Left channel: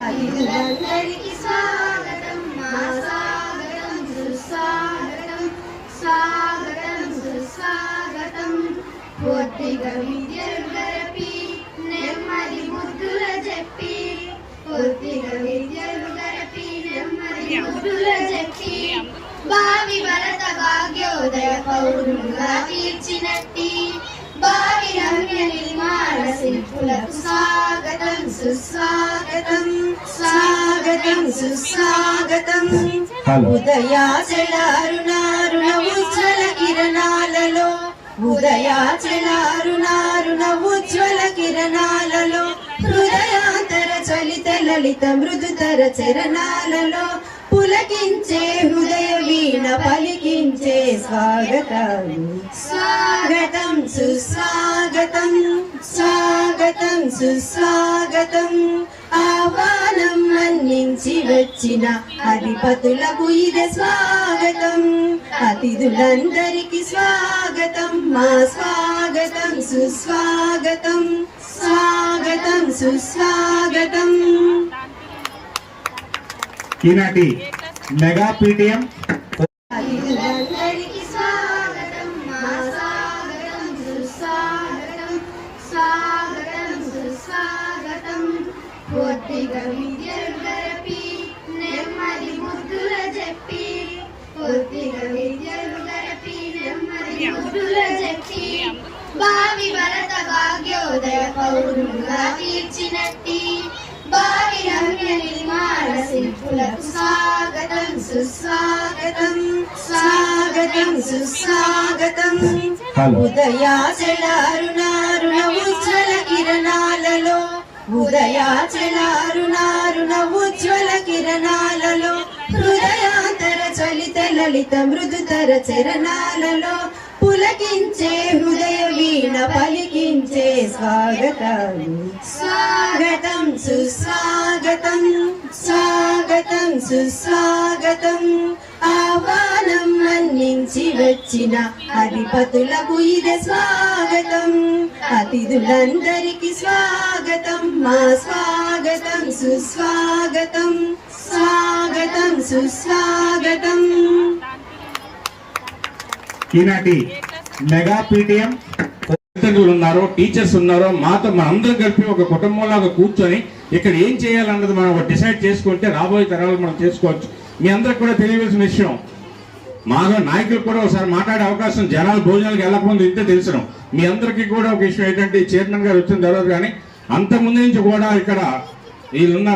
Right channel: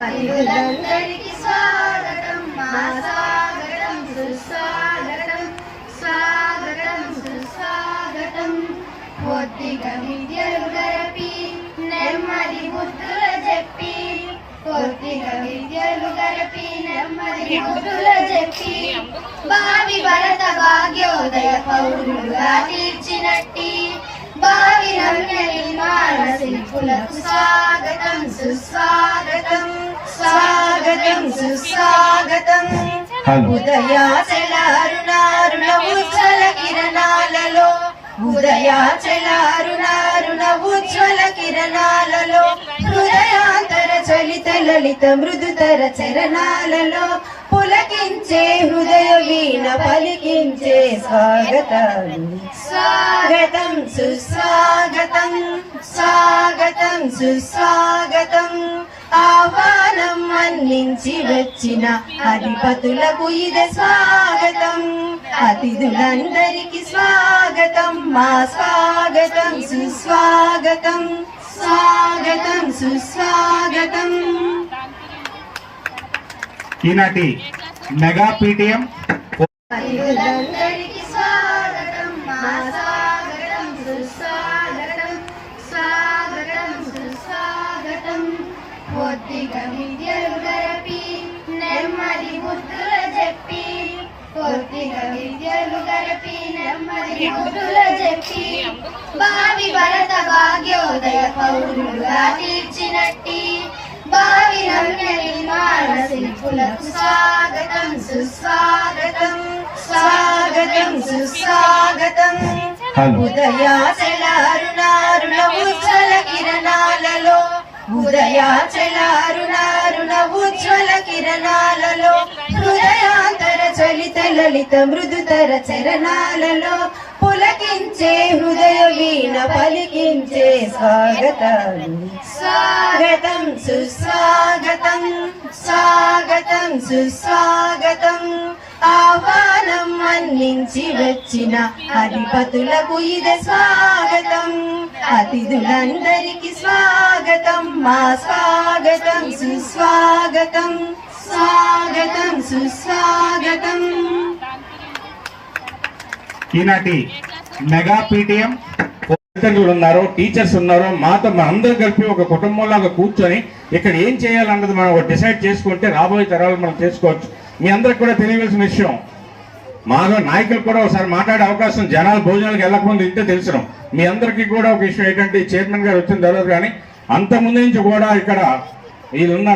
అతిథులందరికీ స్వాగతం మా స్వాగతం సుస్వాగతం స్వాగతం సుస్వాగతం. కొద్దిగా విద్యలు గరపి నెమ్మది బుద్ధుల చెప్పి కొద్దిగా విద్యలు గరపి నెమ్మది బుద్ధుల చెప్పి భావి భరత భాగ్యోదయ పౌరులుగా తీర్చినట్టి భావి నవ్య నిర్మాణ శిల్పులకు స్వాగతం సుస్వాగతం స్వాగతం సుస్వాగతం. ఉదయాచలారుణారుణ ఉజ్వల కిరణాలలో ఉదయాచలారుణారుణ ఉజ్వల కిరణాలలో హృదయాంతర చలిత లలిత మృదుతర చరణాలలో పులకించే హృదయ వీణ పలికించే స్వాగతం స్వాగతం సుస్వాగతం స్వాగతం సుస్వాగతం. ఆహ్వానం మన్నించి వచ్చిన అధిపతులకు ఇదే స్వాగతం. అతిథులందరికీ స్వాగతం మా స్వాగతం సుస్వాగతం స్వాగతం సుస్వాగతం. ఈనాటి మెగా పీటీఎం అతిథులందరికీ స్వాగతం మా స్వాగతం సుస్వాగతం స్వాగతం సుస్వాగతం. కొద్దిగా విద్యలు గరపి నెమ్మది బుద్ధుల చెప్పి కొద్దిగా విద్యలు గరపి నెమ్మది బుద్ధుల చెప్పి భావి భరత భాగ్యోదయ పౌరులుగా తీర్చినట్టి భావి నవ్య నిర్మాణ శిల్పులకు స్వాగతం సుస్వాగతం స్వాగతం సుస్వాగతం. ఉదయాచలారుణారుణ ఉజ్వల కిరణాలలో ఉదయాచలారుణారుణ ఉజ్వల కిరణాలలో హృదయాంతర చలిత లలిత మృదుతర చరణాలలో పులకించే హృదయ వీణ పలికించే స్వాగతం స్వాగతం సుస్వాగతం స్వాగతం సుస్వాగతం. ఆహ్వానం మన్నించి వచ్చిన అధిపతులకు ఇదే స్వాగతం. అతిథులందరికీ స్వాగతం మా స్వాగతం సుస్వాగతం స్వాగతం సుస్వాగతం. ఈనాటి మెగా పీటీఎం ఉన్నారు, టీచర్స్ ఉన్నారు, మాతో అందరం కలిపి ఒక కుటుంబంలాగా కూర్చొని ఇక్కడ ఏం చేయాలన్నది మనం డిసైడ్ చేసుకుంటే రాబోయే తరాలు మనం చేసుకోవచ్చు. మీ అందరికి కూడా తెలియవలసిన విషయం, మాలో నాయకులు కూడా ఒకసారి మాట్లాడే అవకాశం జనాలు భోజనాలకు వెళ్ళకముందు ఇంటే తెలుసు. మీ అందరికీ కూడా ఒక విషయం ఏంటంటే చైర్మన్ గారు వచ్చిన తర్వాత కానీ అంతకుముందు నుంచి కూడా ఇక్కడ వీళ్ళున్న